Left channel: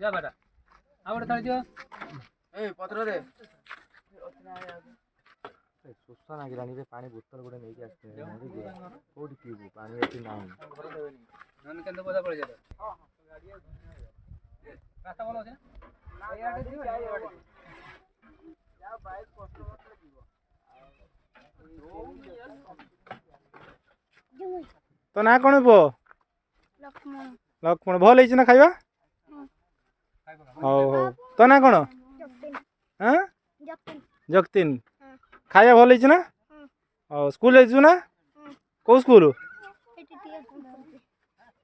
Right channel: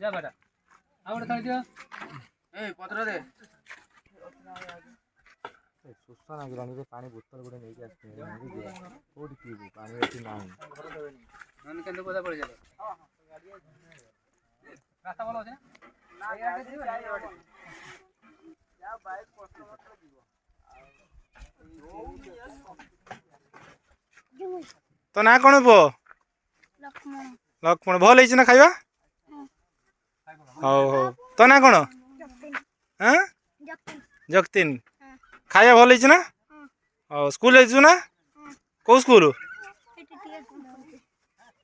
जा बेटा आ बड़ा थड़ी दियो ए पत्र दे सुस्ता नागिलानी रे पानी बोतल गोटे नहीं आसते कोठी पीबू पानी एठी ना नन केंदे बोला पड़ जाले रास्ता बोला होचे ना ए आटे दियो या बाइक कस्टमर तो जीवो तो ना कौन पो लक्ष्मण लक्ष्मण भल है ना खाइबा हौ हौ तो ना कौन हाँ जगतीन खाइबा भल है ना हौ स्कूल जाइछु ना कौ स्कूल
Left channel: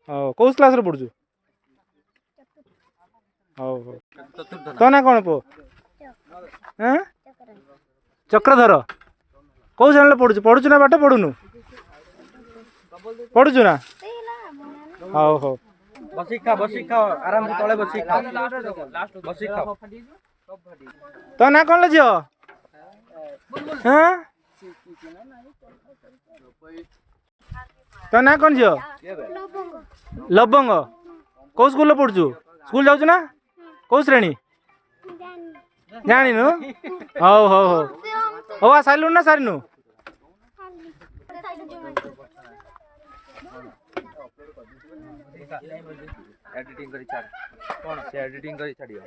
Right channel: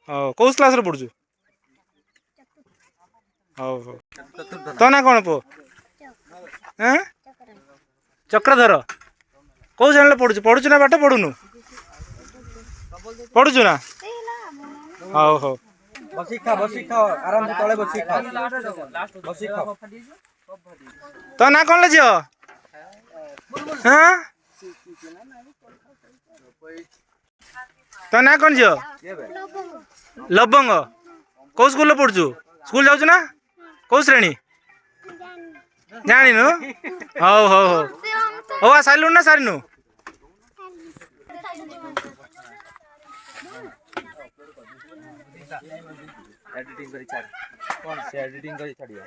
हौ कौ क्लास रे पढुछु हौ हौ तो ना कौन पो हाँ चक्रधर कौ श्रेणी पढुछु पढुछु ना बाटे पढुनु पढुछु ना हौ हौ बसी खा आराम से तळे बसी खा बसी खा तो ना कौन ले जियो हाँ तो ना कौन जियो लबंग कौ स्कूल पढुछु स्कूल जाउछु ना कौ श्रेणी जानिनु हौ हौ हौ हौ आ साइलु ना सारिनु एडिटिंग करी छाड़ कौन से एडिटिंग करी छाड़ियो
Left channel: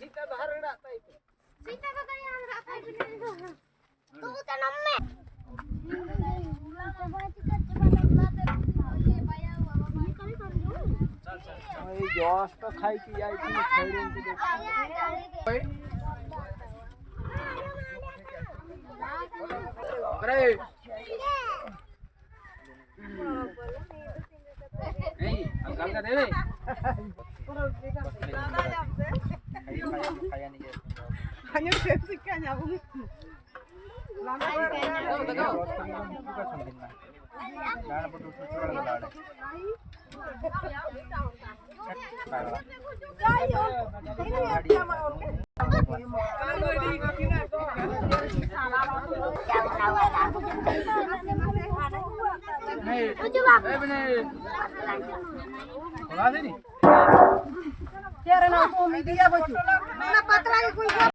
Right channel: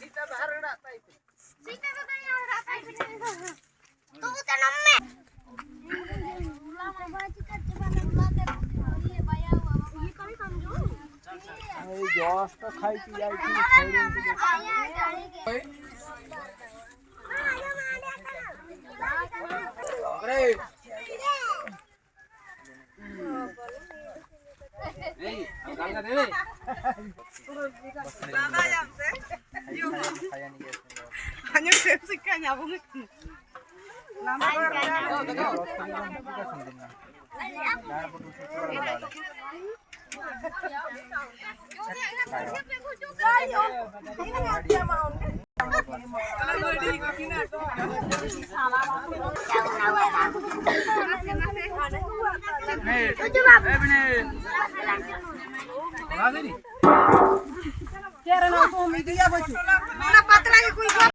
सीता बाहर रड़ाता है सीता तो यहाँ रड़ाता है तू तो नम्मे ये जस्ट खाई पी जाई थी अरे नहीं अंकल का दे दादा जब से खाया नहीं है हने से सिक्का जाबो नाम का सुन नाड़ पर दूसरा लाड़ पतला कोई